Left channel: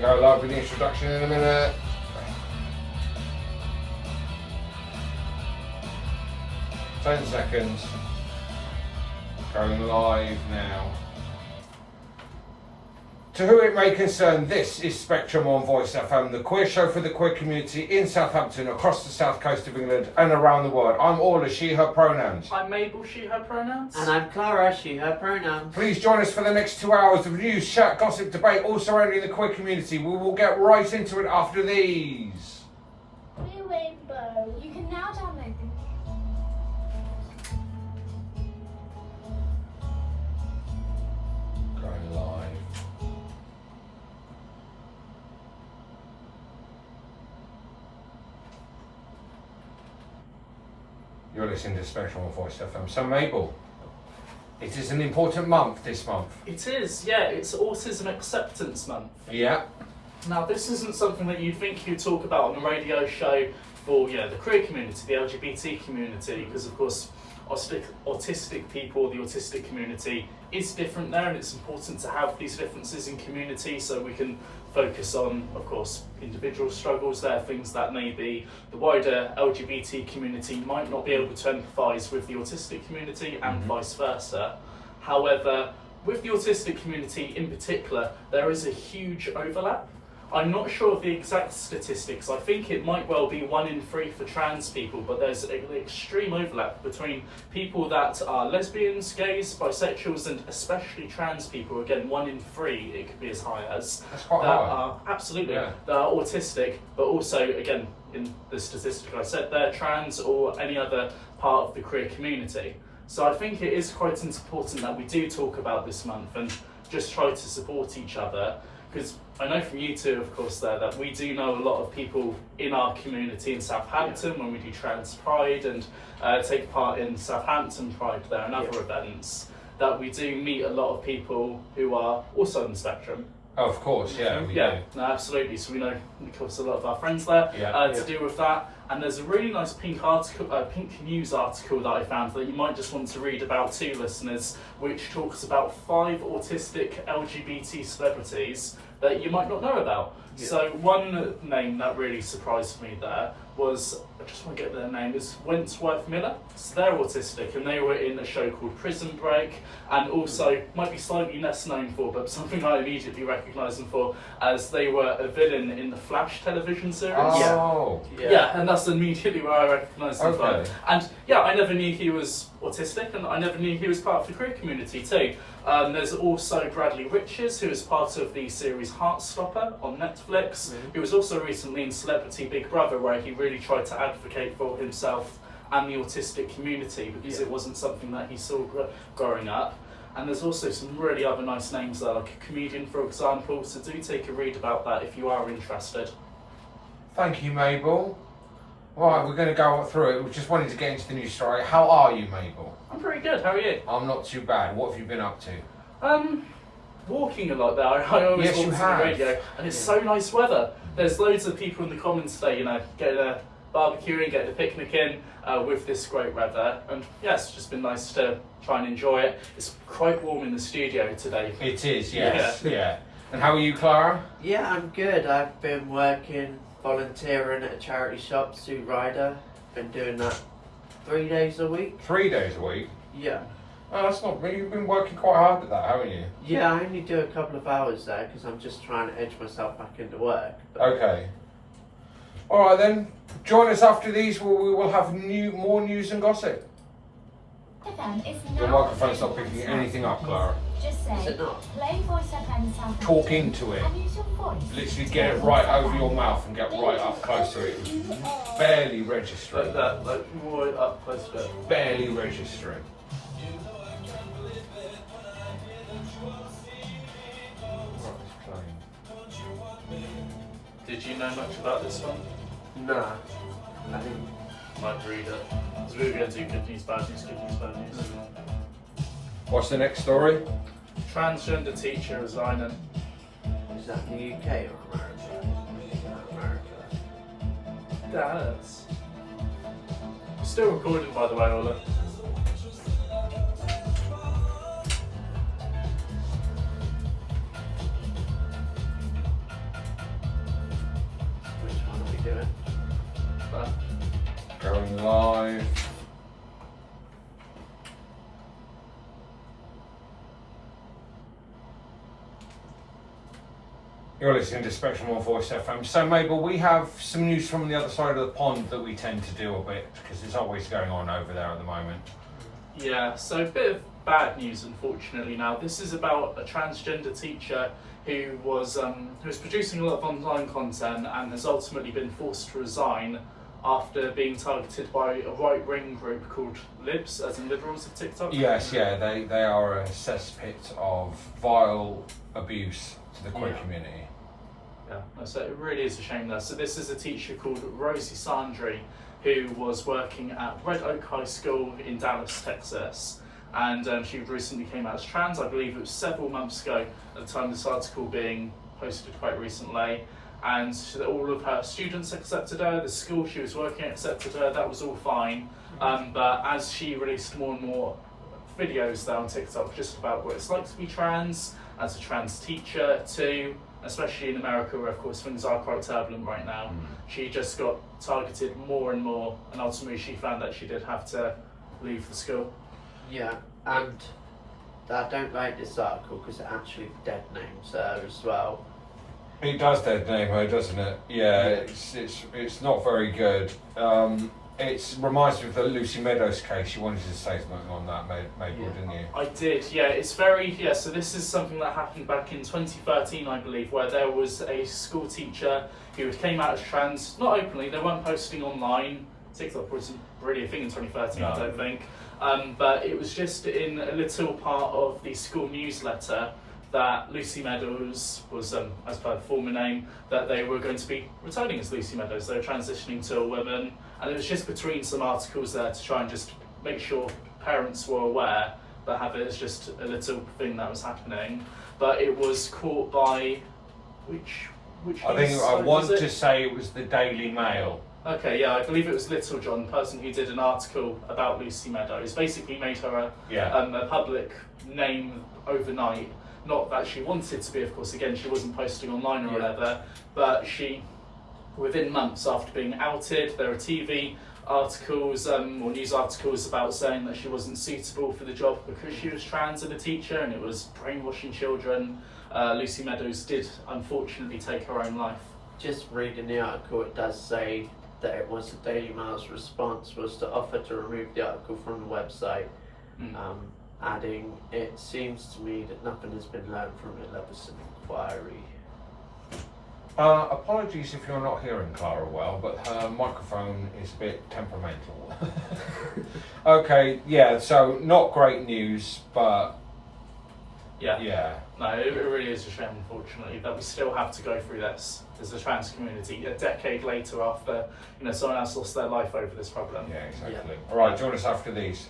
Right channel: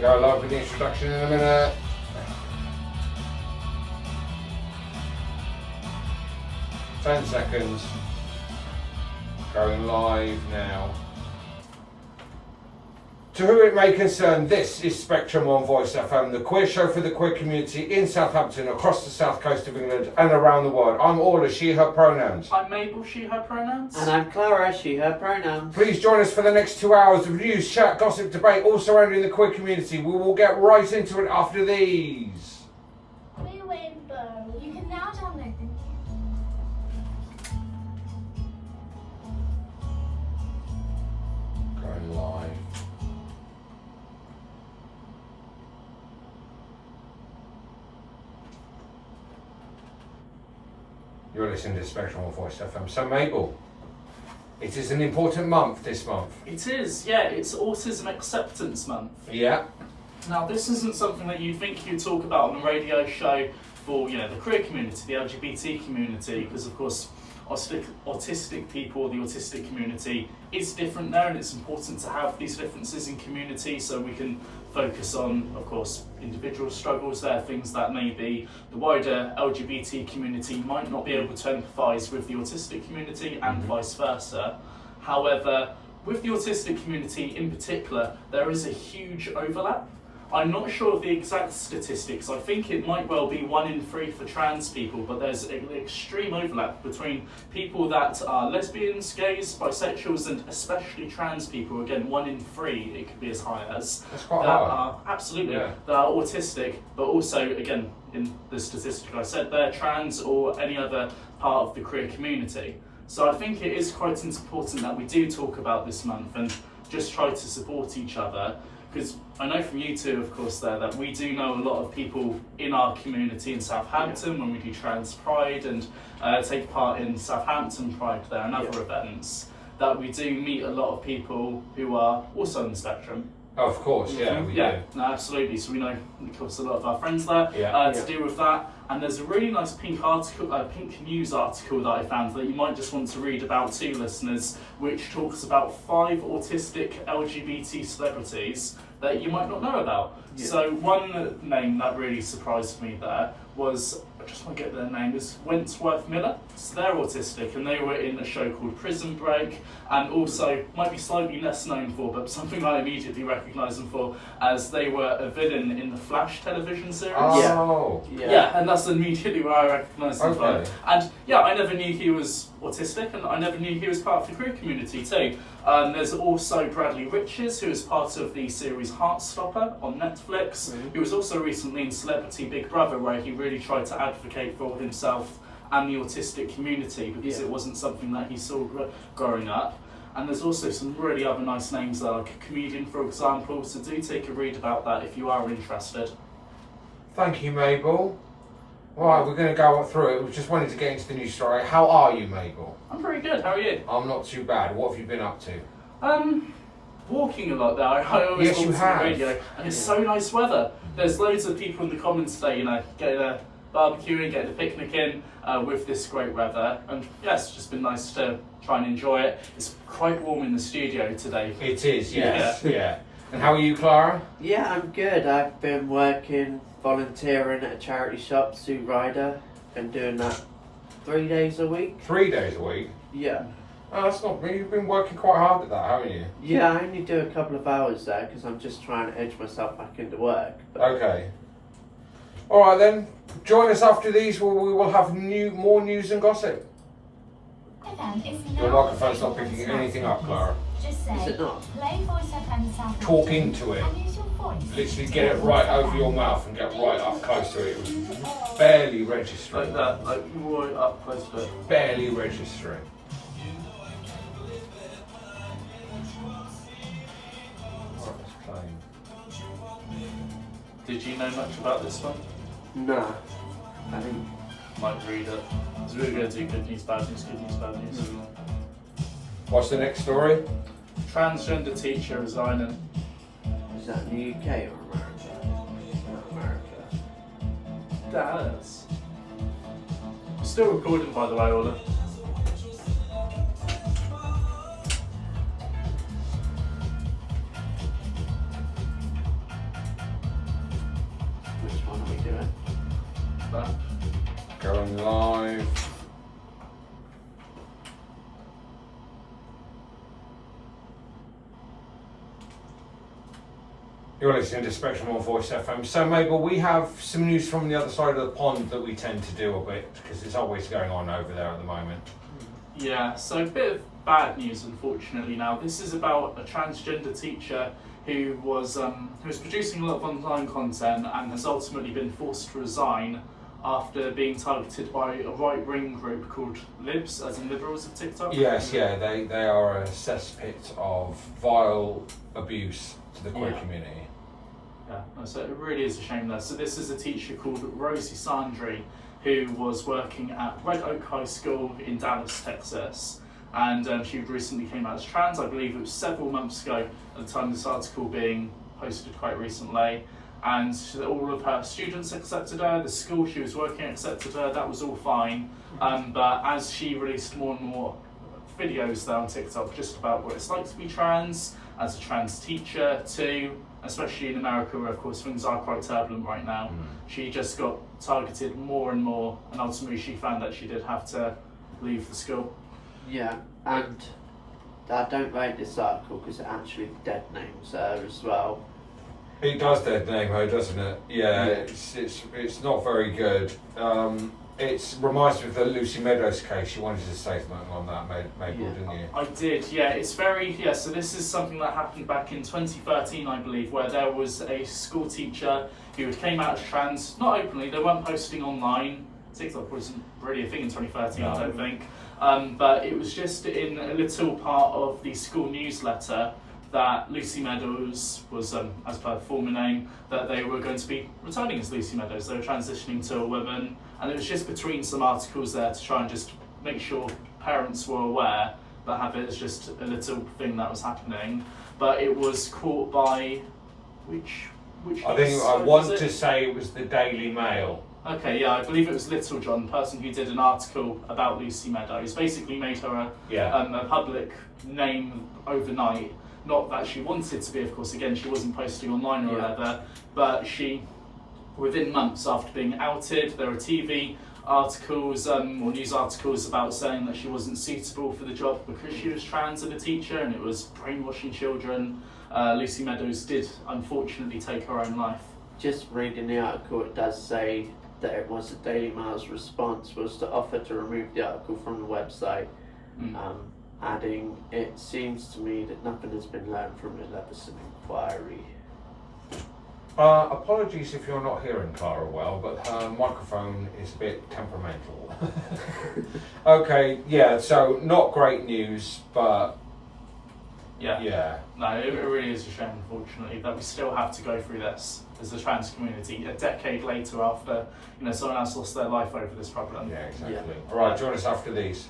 going to go live with the introduction in a minute. Ten seconds. Going live now. To whom it may concern, this is Spectrum on Voice FM, the queer show for the queer community in Southampton, across the south coast of England and around the world. I'm Orla, she, her pronouns. I'm Mabel, she, her pronouns. And I'm Clara, she, her pronouns. Please join us for the next 2 hours of news, chat, gossip, debate, all surrounding the queer community. We will get right into it after these. Queer Rainbow. You can now download the Going live. You're listening to Spectrum on Voice FM. So Mabel, it is an important month this month. It is, yeah, it's Autism Acceptance Month. Yeah. Now, this isn't something that you'd think you'd talk about on a radio show for, the queer community, the LGBT community, because of course, autistic people, the autistic community is different there, and it's important to have these differences in community so we can focus on, of course, individual struggles there, things that maybe the wider LGBT community might not be able to empathise with the autistic community and vice versa. However, with the autistic community in particular, there is a huge overlap. I'm not sure of the exact statistics. I think it might well be 1 in 3 for trans people, but there's an extreme overlap between people that are lesbians, gays, bisexuals, and especially trans people. Again, 1 in 3, it could be as high as. That's quite that high. are absolutely Yeah. that are autistic, but also again in the statistic I said, they're trans or any other part of the queer community. So I think it is quite important that we do talk about this month and just try to support each other. Because I know from you two, of course, there that we do know a lot of people in our community in Southampton when we do Trans Pride and take part in Southampton Pride there and other events, that we do meet a lot of people who are also on the spectrum. Oh, of course, yeah. We Yeah, do. no, absolutely. So we know, of course, a lot of our friends there to do with that. And there's a really nice pink news article that I found that you might just want to read about too, listeners, which talks about 5 autistic LGBT celebrities that you might not know about. Yeah. So one name that really surprised me there was, I just want to get their name, is Wentworth Miller. So they're autistic and they were in a show called Prison Break, and also might be slightly less known for, but something I immediately recognise them for, as they were a villain in the Flash television series. Oh. Yeah, and that's immediately where I recognised them from. Okay. And yeah, I never knew he was autistic, and I never knew he was part of the queer community too. There's also Bradley Riches, who is part of the series Heartstopper on Netflix, who was also recently in Celebrity Big Brother, where he really tried to advocate for himself and the autistic community, because it wasn't something that he saw growing up. And there's also some really other nice names there, like a comedian, for example, so do take a read about that if you are interested. Thank you, Mabel. Right, we're going to go through it. We just wanted to get into the news story. How are you, Mabel? I'm pretty good, how are you? I'm not too bad. What have you been up to? Walking a lot there. I always Yes, you listen to have. the radio, and it's so nice weather. There's loads of people in the comments today, getting a barbecue in, getting a picnic in with this great weather, and yeah, it's just been nice to try and enjoy it. It's quite warm in the studio today. It is, yes. Yeah. And how are you, Clara? Yeah, I'm good. I've been working, volunteering at a charity shop, Sue Ryder. Been doing that 3 days a week. 3 days a week? Yeah. Oh, that's not really. You've been working quite hard at that, haven't you? Yeah, I only do a couple of hours there because I'm just trying to edge myself back into work. But Okay. All right then. Join us after these, where we will have more news and gossip. event is The now microphone's not picking anything up, Clara. Just is say, it not? play Voice FM Southampton. Talk into it. And use your voice. Literally get it right over your mouth and get right up close to it. Barely registering. Like that, like right up close to it. Barely registering. Oh, it's playing. Did you know much about this one? Nah. I think. Might read it. So we're going to do good news, bad news, good news, bad news. What's the next story? Transgender teacher resigning. Is that in the UK or America? Does. We're still recording, by the way, Orla. You're listening to Spectrum on Voice FM. So, Mabel, we have some news from the other side of the pond that we tend to do a bit because there's always going on over there at the moment. Yeah, so a bit of bad news, unfortunately. Now, this is about a transgender teacher who was producing a lot of online content and has ultimately been forced to resign after being targeted by a right-wing group called Libs, as in Liberals of TikTok. Yes, yeah, they are a cesspit of vile abuse to the queer community. Yeah, so it really is a shame there. So this is a teacher called Rosie Sandry, who was working at Red Oak High School in Dallas, Texas. And she recently came out as trans. I believe it was several months ago at the time of this article being posted quite recently. And all of her students accepted her, the school she was working at accepted her, that was all fine. But as she released more and more videos there on TikTok just about what it's like to be trans, as a trans teacher too, especially in America where of course things are quite turbulent right now, she just got targeted more and more, and ultimately she found that she did have to leave the school. Yeah, and I don't like this article because it actually dead names her as well. It does dead name her, doesn't it? Yeah, it's not very good. It reminds me of the Lucy Meadows case. You wanted to say something on that, Mabel, didn't you? I did, yeah. It's very, so this is something that happened back in 2013, I believe, where there was a school teacher who came out as trans, not openly, they weren't posting online. TikTok wasn't really a thing in 2013, I don't think. But it was just in a little part of the school newsletter that Lucy Meadows was, as per the former name, that they were going to be returning as Lucy Meadows. They were transitioning to a woman, and it was just between some articles there to try and just make sure parents were aware, but have it as just a little thing that was happening. But it was caught by which I think I want to say it was the Daily Mail. Okay, yeah, I believe it was Little John, the person who did an article about Lucy Meadows, basically made her a public name overnight. Not that she wanted to be, of course, again, she wasn't posting online or whatever, but she, within months after being outed, there were TV articles or news articles about saying that she wasn't suitable for the job because she was trans and a teacher, and it was brainwashing children. Lucy Meadows did, unfortunately, take her own life. Just reading the article, it does say that it was the Daily Mail's response was to offer to remove the article from the website. Adding, it seems to me that nothing has been learned from the Leveson inquiry. Apologies if you're not hearing Clara well, but her microphone is a bit temperamental. Okay, yeah, so not great news, but yeah. No, it really is a shame, unfortunately, that we still have to go through this as a trans community a decade later after someone else lost their life over this problem. Yeah, exactly. All right, join us after these.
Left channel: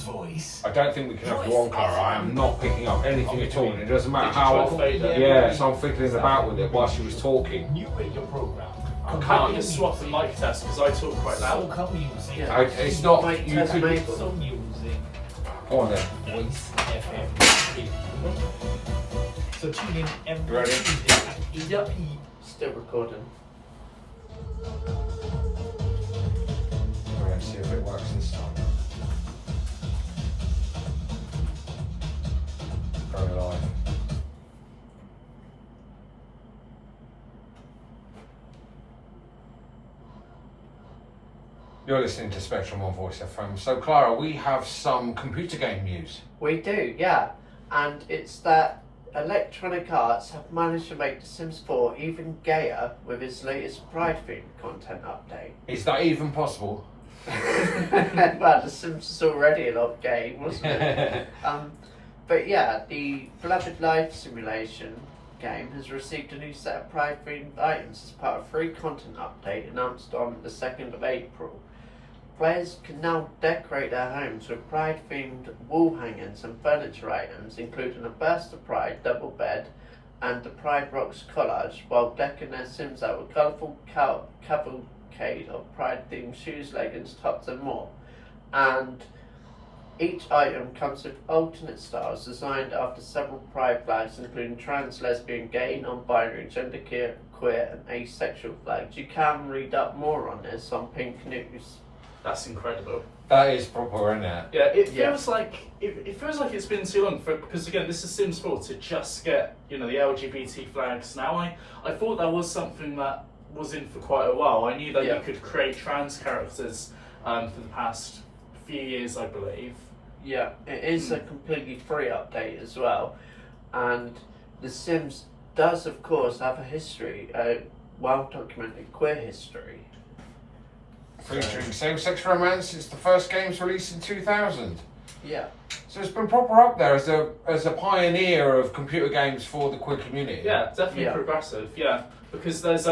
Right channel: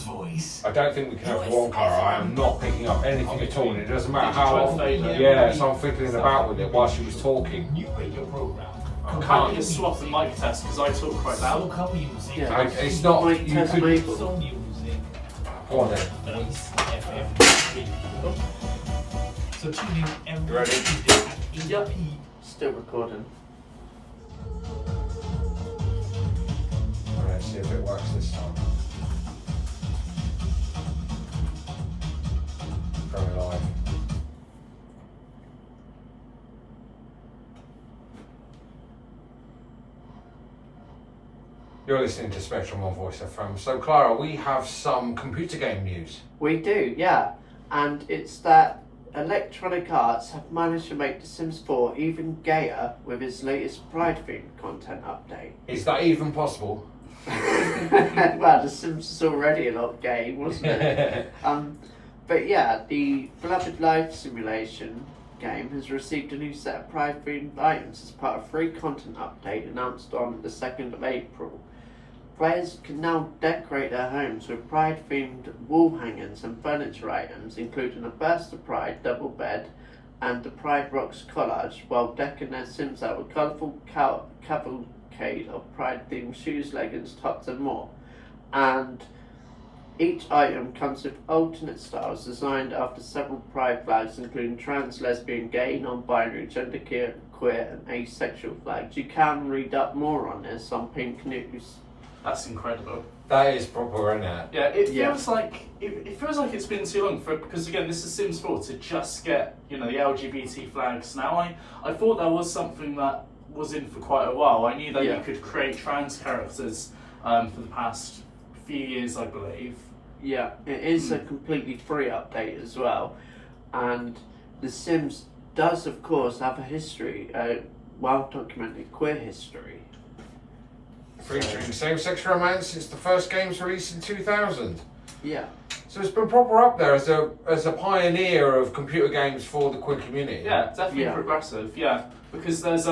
Voice. I don't think we can have one car. I am not picking up anything at all. And it doesn't matter how. Yeah, so I'm fiddling about with it while she was talking. New radio program. I can't just swap the mic test because I talk quite So loud. couple music. Yeah. It's not. Mic You test, could, Mabel. So music. go on then. Voice FM. So tune in every Ready? Tuesday at 8 p.m. Still recording. Let's see if it works this time. Going live. You're listening to Spectrum on Voice FM. So, Clara, we have some computer game news. We do, yeah. And it's that Electronic Arts have managed to make The Sims 4 even gayer with its latest Pride-themed content update. Is that even possible? Well, The Sims is already a lot gay, wasn't it? But yeah, the beloved life simulation game has received a new set of Pride-themed items as part of a free content update announced on the 2nd of April. Players can now decorate their homes with Pride-themed wall hangings and furniture items, including a Burst of Pride double bed and the Pride Rocks collage, while decking their Sims out with colourful cavalcade of Pride-themed shoes, leggings, tops and more. And each item comes with alternate styles designed after several Pride flags, including trans, lesbian, gay, non-binary, genderqueer, queer and asexual flags. You can read up more on this on Pink News. That's incredible. That is proper, isn't it? Yeah, it Yeah. feels like it feels like it's been too long because again, this is Sims 4 to just get the LGBT flags. Now, I thought that was something that was in for quite a while. I knew that Yeah. you could create trans characters for the past few years, I believe. Yeah, it is a completely free update as well, and The Sims does, of course, have a history, a well-documented queer history. Featuring same-sex romance since the first game's released in 2000. Yeah, So it's been proper up there as a pioneer of computer games for the queer community. Yeah, definitely Yeah. progressive. Yeah, because there's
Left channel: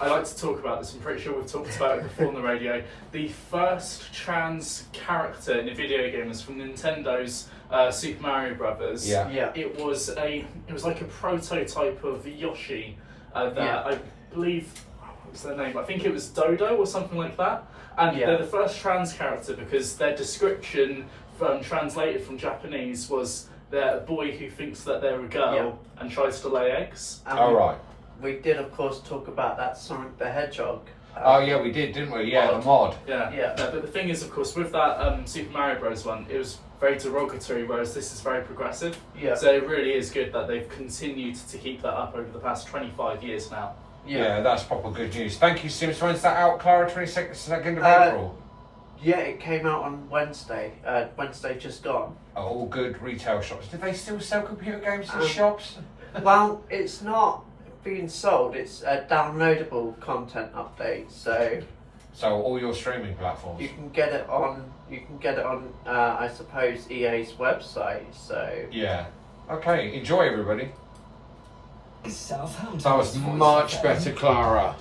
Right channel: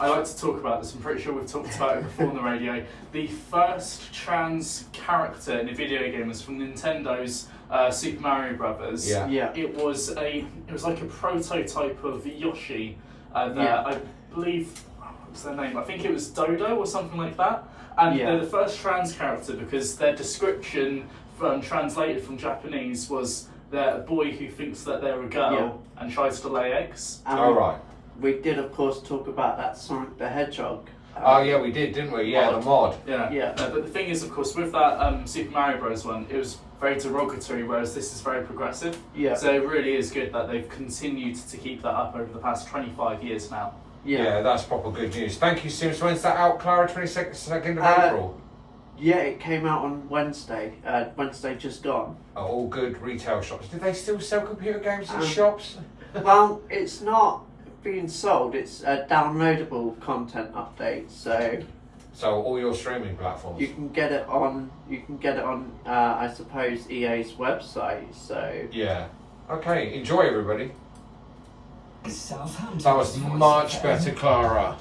I like to talk about this. I'm pretty sure we've talked about it before on the radio. The first trans character in a video game was from Nintendo's Super Mario Brothers. Yeah. yeah, It was like a prototype of Yoshi. Yeah. I believe what's their name? I think it was Dodo or something like that. And Yeah. they're the first trans character because their description translated from Japanese was they're a boy who thinks that they're a girl and tries to lay eggs. All right. We did, of course, talk about that Sonic the Hedgehog. Oh yeah, we did, didn't we? Yeah, the mod. Yeah. Yeah. But the thing is, of course, with that Super Mario Bros. One, it was very derogatory, whereas this is very progressive. Yeah, So it really is good that they've continued to keep that up over the past 25 years now. Yeah, that's proper good news. Thank you, Sims. When's that out, Clara? 22nd of April. Yeah, it came out on Wednesday. Wednesday just gone. All good retail shops. Do they still sell computer games in Um, shops? Well, it's not being sold. It's a downloadable content update, so So all your streaming platforms. you can get it on. You can get it on. I suppose EA's website. So Yeah. Okay. Enjoy, everybody. Southampton. That was much better, Clara.